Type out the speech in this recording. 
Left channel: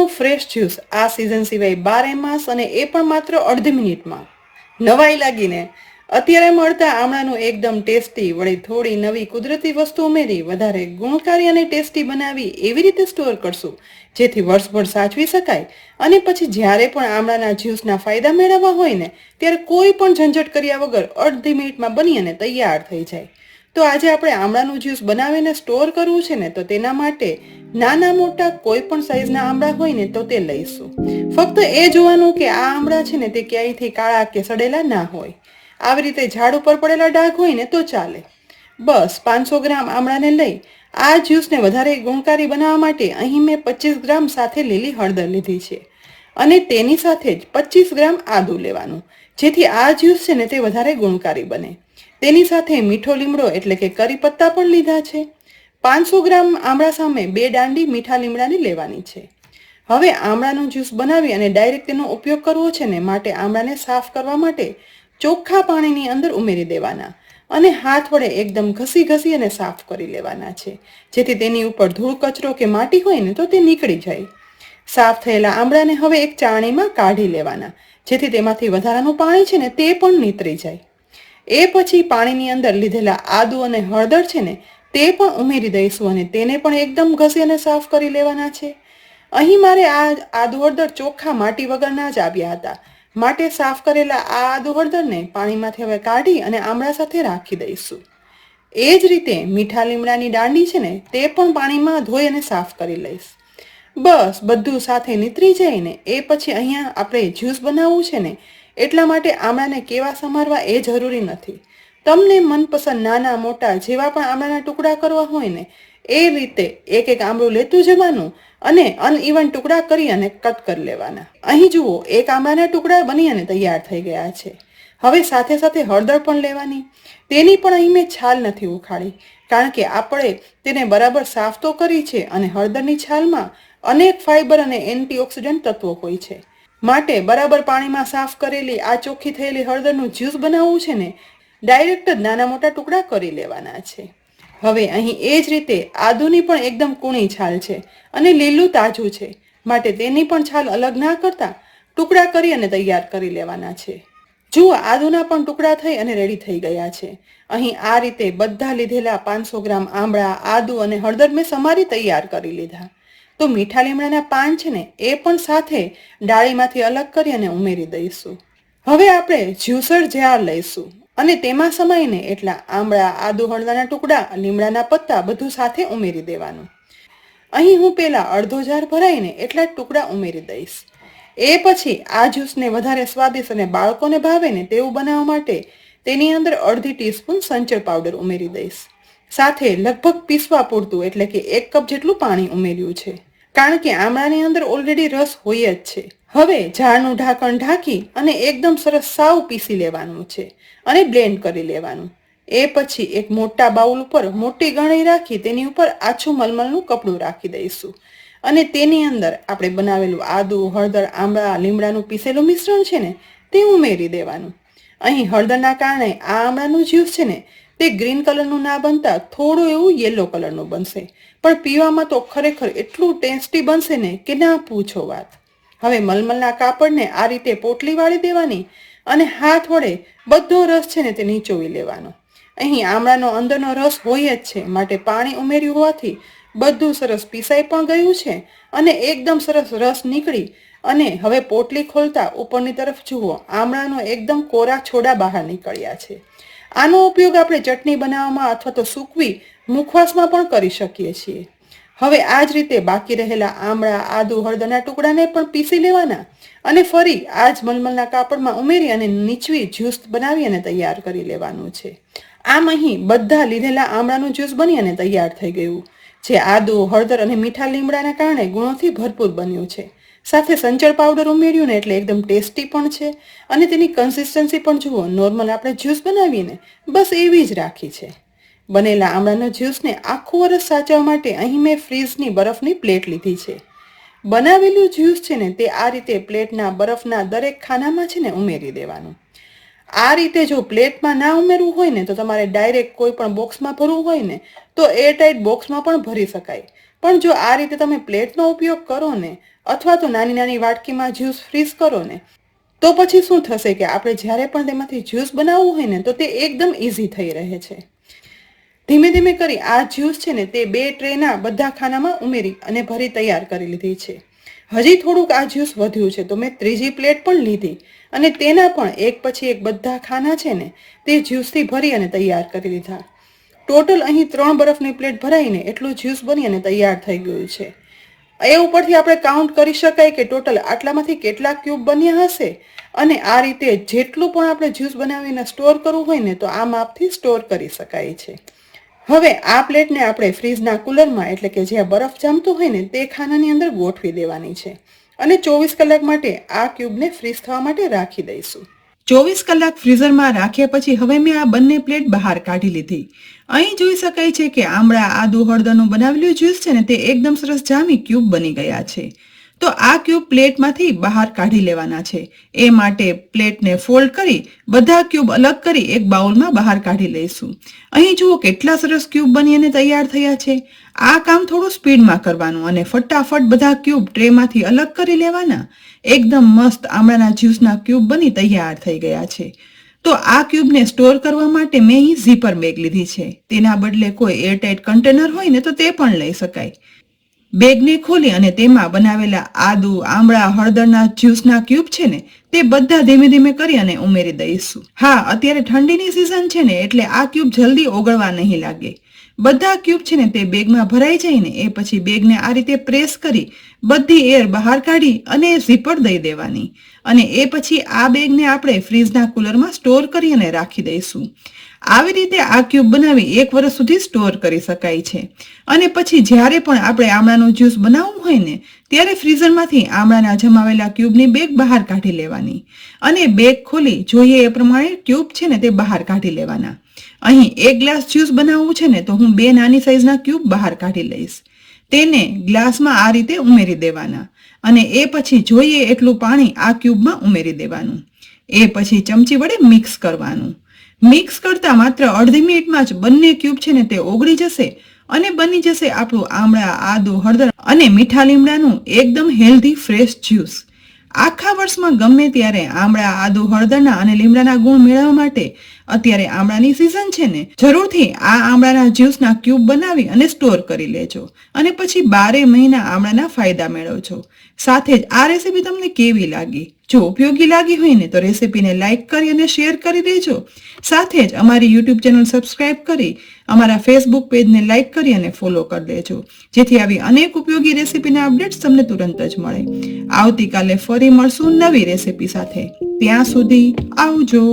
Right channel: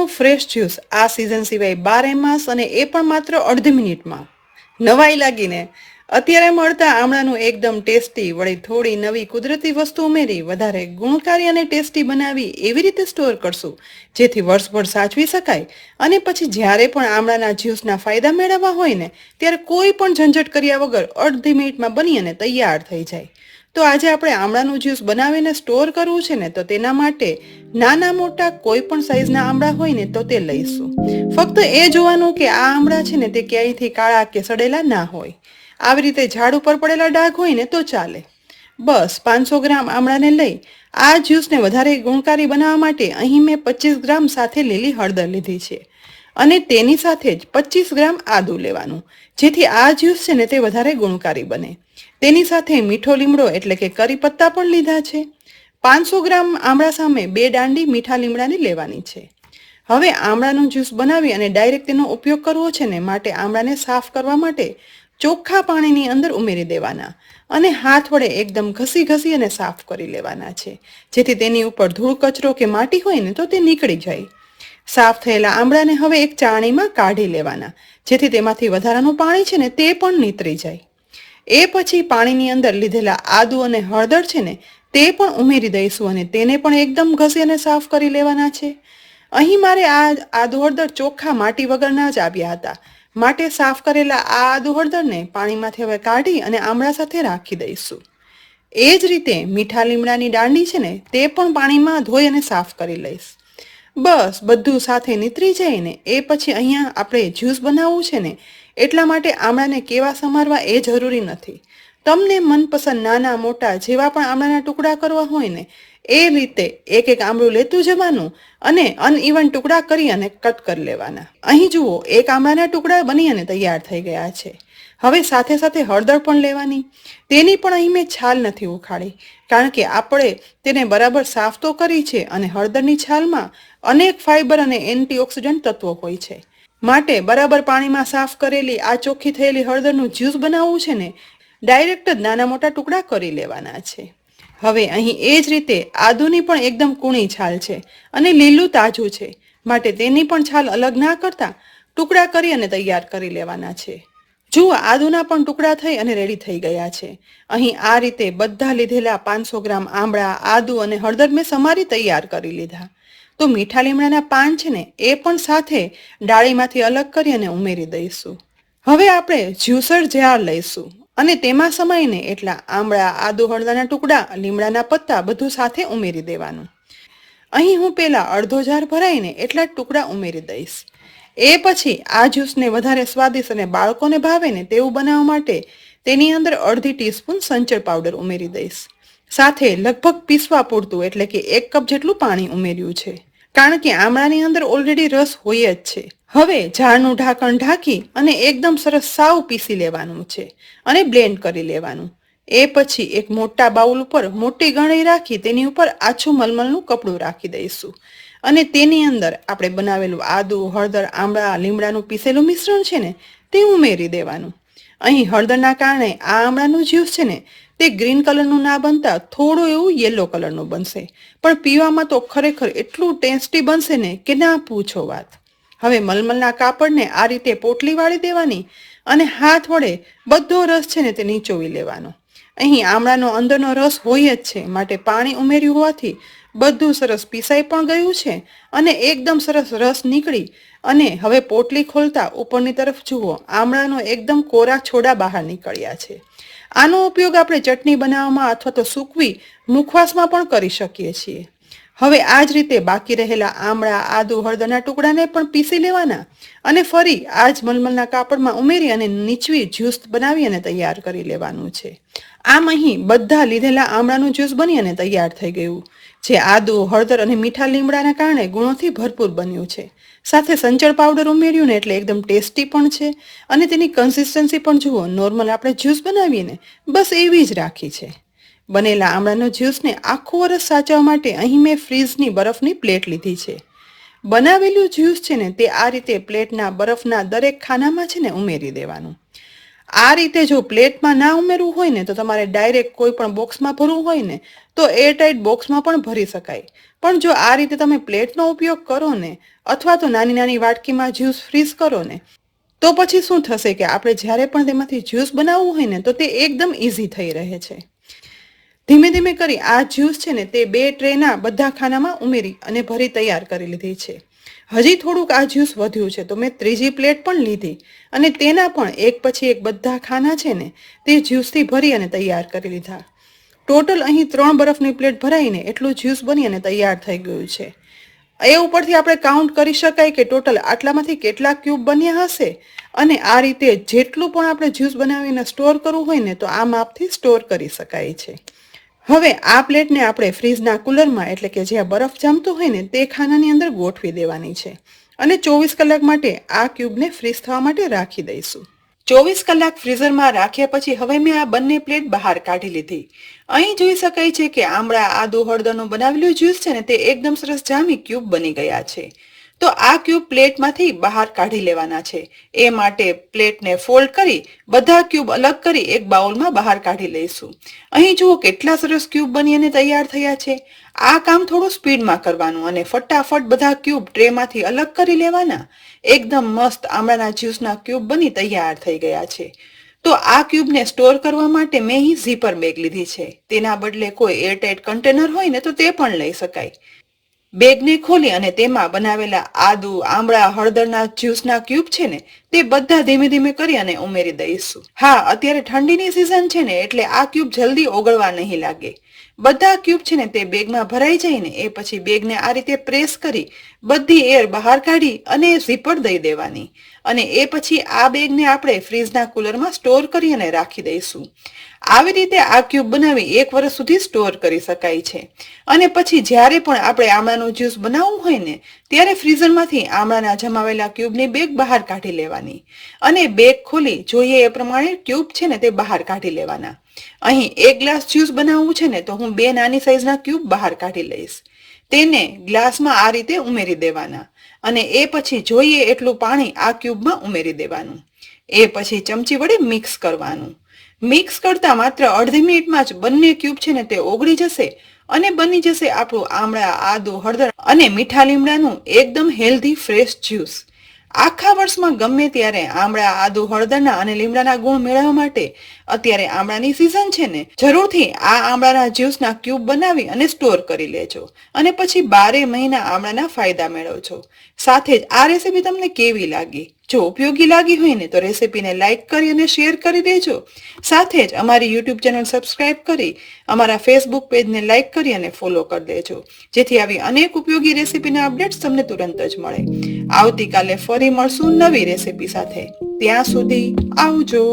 આમળાનું fresh juice આ season સિવાય 12 માસ અને એ પણ માત્ર અડધી મિનિટમાં. નવાઈ લાગીને અત્યારે મળતા આમળાનું એકદમ ટેસ્ટી વળી થોડી નવી કુદરતી વસ્તુ ઉમેરી વધારે ગુણકારી અને ટેસ્ટી બનાવી એવી રીતે સ્ટોર કરશું જેથી વર્ષભર સાચવી શકાય અને પછી જ્યારે પણ આમળાના જ્યુસના ફાયદા મેળવવા હોય ને ત્યારે કોઈ પણ ઝંઝટ કર્યા વગર અડધી મિનિટમાં બની અને તૈયાર થઈ જાય. તો આજે આપણે આમળાનું જ્યુસ બનાવીને સ્ટોર કરવું છે ને તો તેના માટે નાના મોટા કોઈ પણ સાઈઝના આમળા હોય ને તો તે લઈશું. ફક્ત એ જોવાનું કે આ આમળા છે ને તે ક્યાંયથી કાળા કે સડેલા ના હોય. આવી રીતે ઝાડ ઉપર પડેલા ડાઘ હોય ને તો ચાલે. બસ 500 ગ્રામ આમળાને લઈ આ જ્યુસને વધારે ગુણકારી બનાવવા માટે અહીં મેં 25 ગ્રામ સાથે લીલી હળદર લીધી છે અને તેની સાથે જ 25 ગ્રામ આદુ લેવાનું જેથી આ જ્યુસ છે ને તે વધારે ગુણકારી બને. તેની સાથે મીઠો લીમડો એટલે કે કરી પત્તા પણ લીધા છે. 500 ગ્રામ આમળા સામે 2 દાંડી મીઠા લીમડાની લેવાની છે. હવે આમળાનું જ્યુસ બનાવી અને ડાયરેક્ટ તેનો ઉપયોગ કરવો છે ને માટે આમળાને સાફ કરવા માટે ચોખ્ખા પાણીની અંદર ઉમેરી દેવાના અને હાથ વડે એકદમ ઘસી અને સાફ કરી લેવાના છે જેથી તેની ઉપર ધૂળ કચરો કે માટી હોય ને તો તે નીકળી જાય. સાફ થયેલા આમળાને હવે એક ચાળણીમાં કાઢી લેવાના જેથી તેમાંથી વધારાનું પાણી છે ને તે પણ નીતરી જાય. એ પછી પાણીની અંદર લીધેલા આદુ અને હળદર છે ને તે પણ ઉમેરી દઈશું અને તેને પણ એકદમ ઘસી અને સાફ કરી લેવાના છે. અહીં મારે આ આદુ હળદર ચોખ્ખા માટી વગરના જ આવ્યા હતા માટે સાફ કરેલા આ આદુ હળદરને પાણીમાંથી હવે કાઢી અને આમળા સાથે રાખી દઈશું. એ જ રીતે મીઠા લીમડાની દાંડી છે ને તે પણ પાણીમાં ધોઈ અને સાફ કરી લઈશ. બસ બધું સાથે નીતરી જાય ને એ પછી અહીંયા આપણે જ્યુસ બનાવવું છે ને એટલા માટે આમળાને કેવા સમારવા એ જરૂરી નથી. તમને મનપસંદ નાના મોટા જેવા પણ આમળાના ટુકડા કરવા હોય ને એ રીતે એક એક આમળું લેતું જવાનું અને અનઇવન ટુકડા કરી અને કટ કરી લેવાના. અહીં જુઓ એક આમળાના ટુકડા બની અને તૈયાર થઈ ગયા છે. હવે સાથે સાથે હળદર પણ લેવાની. તેની પણ અહીં મેં છાલ નથી ઉખાડી કારણ કે આપણે તેને બરાબર સાફ તો કરી છે અને હળદરની છાલમાં અનેક ફાઈબર અને એન્ટીઓક્સિડન્ટ તત્વો હોય છે માટે બરાબર પાણીમાં સાફ કરેલી આ ચોખ્ખી થયેલી હળદરનું જ્યુસ બનાવવું છે ને ડાયરેક્ટ જ નાના મોટા ટુકડા કરી લેવાના છે. હવે અહીં એ જ રીતે આદુની પણ એકદમ કૂણી છાલ છે અને લીલું તાજું છે માટે તેની પણ છાલ અલગ ના કરતા ટુકડા કરી અને તૈયાર કરી લેવાના છે. જુઓ આદુના પણ ટુકડા થઈ અને રેડી થઈ ગયા છે. અહીં આ રીતે બધા લીધેલા 500 ગ્રામ આમળા આદુ અને હળદર મેં સમારી તૈયાર કરી લીધા. તો મીઠા લીમડાના પાન છે ને એ પણ સાથે ડાળીમાંથી અલગ કરી અને ઉમેરી દઈશું. હવે આપણે જ્યુસર જાર લઈશું અને તેમાં સમાઈને એટલા આમળા આદુ હળદરના ટુકડા લીમડાના પત્તા બધું સાથે ઉમેરી દેવાનું. અહીં હું પહેલા અડધો જાર ભરાઈને એટલા ટુકડા ઉમેરી દઈશ. એ પછી આ જ્યુસને વધારે સ્વાદિષ્ટ અને બાળકોને ભાવે ને તેવું બનાવવા માટે તેની અંદર અડધી ટીસ્પૂન સંચળ પાવડર ઉમેરી દઈશ. સાથે લગભગ પીસવા પૂરતું એટલે કે 1 કપ જેટલું પાણી ઉમેર્યું છે કારણ કે આમળાની અંદર ઓલરેડી રસ હોય જ છે. હવે જારનું ઢાંકણ ઢાંકી અને એકદમ સરસ સાવ પીસી લેવાનું છે અને બ્લેન્ડ કરી લેવાનું. એ પછી એક મોટા બાઉલ ઉપર મોટી ગળણી રાખી તેની ઉપર આછું મલમલનું કપડું રાખી દઈશું અને તેની અંદર આપણે બનાવેલું આદુ હળદર આમળા લીમડાનું પીસેલું મિશ્રણ છે ને તે ઉમેરી દેવાનું. અહીં હળદરના કારણે આ આમળાનું જ્યુસ છે ને તે ગ્રીન કલરનું ના બનતા થોડું એવું યલો કલરનું બનશે પણ પીવામાં તો ખરેખર એટલું ટેસ્ટી બનશે ને કે ના પૂછો વાત. હવે મલમલના કાપડને આ રીતે પોટલી વાળી દેવાની અને હાથ વડે બધો રસ છે ને તે નીચોવી લેવાનો. અહીં આમળાનો અંદરનો રસ હોય જ છે માટે પાણી ઉમેર્યું હોવાથી બધું સરસ પીસાઈ પણ ગયું છે અને એકદમ સરસ રસ નીકળી અને હવે પોટલી ખોલતા ઉપરની તરફ જુઓ આમળાનો એકદમ કોરા છોડા બહાર નીકળ્યા છે. આનો ઉપયોગ આપણે ચટણી બનાવવામાં અથવા તો સૂકવી મુખવાસમાં પણ કરી શકીએ છીએ. હવે આ જ રીતે બાકી રહેલા આમળા આદુ હળદરના ટુકડાને પણ પીસી લેવાના અને ફરી આ જ મલમલના કાપડમાં ઉમેરી અને નીચવી જ્યુસ બનાવી અને તૈયાર કરી લેવાનું છે. આમ અહીં બધા લીધેલા આમળાનું જ્યુસ બની અને તૈયાર થઈ ગયું જે આદુ હળદર અને મીઠા લીમડાના કારણે ગુણોથી ભરપૂર બન્યું છે. સાથે સંચળ પાવડર ઉમેર્યું ને એટલે એકદમ ટેસ્ટી પણ છે અને તેની કન્સિસ્ટન્સી પણ જુઓ નોર્મલ આપણે જ્યુસ બનાવીએ ને બસ એવી જ રાખી છે. બનેલા આમળાનો જ્યુસને આખું વરસ સાચવવા માટે અહીં મેં ફ્રીઝની બરફની પ્લેટ લીધી છે. બનાવેલું જ્યુસ છે ને તે આ રીતે પ્લેટના બરફના દરેક ખાનામાં છે ને ઉમેરી દેવાનું. આ રીતે જો પ્લેટમાં ના ઉમેરવું હોય ને તો તમારે ડાયરેક્ટ કોઈ પણ બોક્સમાં ભરવું હોય ને તો એરટાઇટ બોક્સમાં પણ ભરી શકાય પણ જો આ રીતે તમે પ્લેટનો ઉપયોગ કરો ને, અથવા તો નાની નાની વાટકીમાં જ્યુસ ફ્રીઝ કરો ને, તો પછી શું થશે કે આપણે જ્યારે પણ તેમાંથી જ્યુસ બનાવવું હોય ને, તો તે એકદમ ઇઝી થઈ રહે છે. ધીમે ધીમે કરી આ જ્યુસ છે ને તે 2 ટ્રેના બધા ખાનામાં ઉમેરી અને ભરી તૈયાર કરી લીધી છે. હજી થોડુંક આ જ્યુસ વધ્યું છે, તો મેં ત્રીજી પ્લેટ પણ લીધી અને તેના પણ એક પછી એક બધા ખાના છે ને તે જ્યુસથી ભરી અને તૈયાર કરી લીધા. ટોટલ અહીં 3 બરફની પ્લેટ ભરાઈને એટલું જ્યુસ બની અને તૈયાર થઈ ગયું છે. એ ઉપરથી આપણે કાઉન્ટ કરી શકાય કે ટોટલ આટલામાંથી કેટલા ક્યુબ બન્યા હશે. અને આ રીતે જેટલું પણ આપણે જ્યુસ બનાવીને સ્ટોર કરવું હોય ને, તો આ માપથી સ્ટોર કરી શકાય છે. હવે આ પ્લેટને આપણે ફ્રીજના કુલરમાં, એટલે કે જ્યાં બરફ જામતું હોય ને તે ખાનાની અંદર ગોઠવી દેવાની છે અને 24 કલાક માટે આ ક્યુબને ફ્રીઝ થવા માટે રાખી દઈશું. 24 કલાક ફ્રીઝરમાં રાખ્યા પછી હવે મેં આ બંને પ્લેટ બહાર કાઢી લીધી. અહીં જોઈ શકાય છે કે આમળા આદુ હળદરનું બનાવેલું જ્યુસ છે ને તે એકદમ સરસ જામી ક્યુબ બની ગયા છે. તો આ ક્યુબ પ્લેટમાંથી બહાર કાઢી લેવાના છે. એ માટે પ્લેટને ફોલ્ડ કરી બધા ક્યુબ અલગ કરી એક બાઉલમાં બહાર કાઢી લઈશું. અહીં જુઓ કેટલા સરસ ક્યુબ બની અને તૈયાર થયા છે. આ કામ થોડું સ્પીડમાં કરવાનું અને ફટાફટ બધા ક્યુબ ટ્રેમાંથી અલગ કરી લેવાના. એકદમ મસ્ત આમળાના જ્યુસના ક્યુબ બની તૈયાર થઈ ગયા છે. તો આ ક્યુબને સ્ટોર કરવા માટે મેં અહીં ઝીપર બેગ લીધી છે. તેના બદલે કોઈ એરટાઇટ કન્ટેનર હોય ને તો તે પણ લઈ શકાય. બેગને ખોલી અને તેમાં બનાવેલા આદુ આમળા હળદરના જ્યુસના ક્યુબ છે ને તે બધા ધીમે ધીમે કરી અને ઉમેરી દઈશું. હા, અત્યારે ઠંડીની સિઝન છે ને એટલે આ ક્યુબ જલ્દી ઓગળવા નહીં લાગે. બધા ક્યુબ છે ને તે બેગમાં ભરાઈ જાય ને એ પછી બેગને આ રીતે પ્રેસ કરી બધી એર બહાર કાઢી અને ઝીપર દઈ દેવાની. અને એ પછી આ બેગને આપણે ફ્રીજના કુલરમાં સ્ટોર કરી અને રાખી દઈશું. આવી રીતે આ ક્યુબ બનાવી 1 વર્ષ સુધી સ્ટોર કરી શકાય છે. અને પછી જ્યારે પણ આપણે આમળાનું જ્યુસ બનાવવું હોય ને ત્યારે ફ્રીઝરમાંથી આમળાના જમાવેલા ક્યુબની બેગ બહાર કાઢી લેવાની અને બેગ ખોલી જોઈએ એ પ્રમાણે ક્યુબ છે ને તે બહાર કાઢી લેવાના. અહીં 1 ગ્લાસ જ્યુસ બનાવવું છે ને તો હું 2 નાની સાઈઝના ક્યુબ બહાર કાઢી લઈશ. તેને ગ્લાસમાં આ રીતે ઉમેરી દેવાના અને એ પછી જોઈએ એટલું પાણી આ ક્યુબમાં ઉમેરી દેવાનું. એ પછી ચમચી વડે મિક્સ કરવાનું. મિક્સ કરતા માત્ર અડધી મિનિટમાં જ બંને ક્યુબ છે ને તે ઓગળી જશે અને બની જશે આપણું આમળા આદુ હળદર અને મીઠા લીમડાનું એકદમ હેલ્ધી ફ્રેશ જ્યુસ. આખા વર્ષમાં ગમે ત્યારે આમળા આદુ હળદરના અને લીમડાના ગુણ મેળવવા માટે અત્યારે આમળાની સિઝન છે ને, જરૂરથી આ આમળાના જ્યુસના ક્યુબ બનાવી અને સ્ટોર કરી લેજો અને પછી 12 મહિના આમળાના ફાયદા મેળવજો. સાથે જ આ રેસીપી તમને કેવી લાગી? જો ઉપયોગી લાગી હોય ને તો રેસીપીને લાઇક કરી અને શેર કરી દેજો. સાથે જ અમારી યુટ્યુબ ચેનલ સબસ્ક્રાઇબ કરી અમારા ફેસબુક પેજને લાઇક કરી અને ફોલો કરી દેજો, જેથી આવી અનેક ઉપયોગી રેસીપીના અપડેટ્સ તમને તુરંત જ મળે. આવતીકાલે ફરી મળશું નવી રેસીપી સાથે. ત્યાં સુધી આવજો.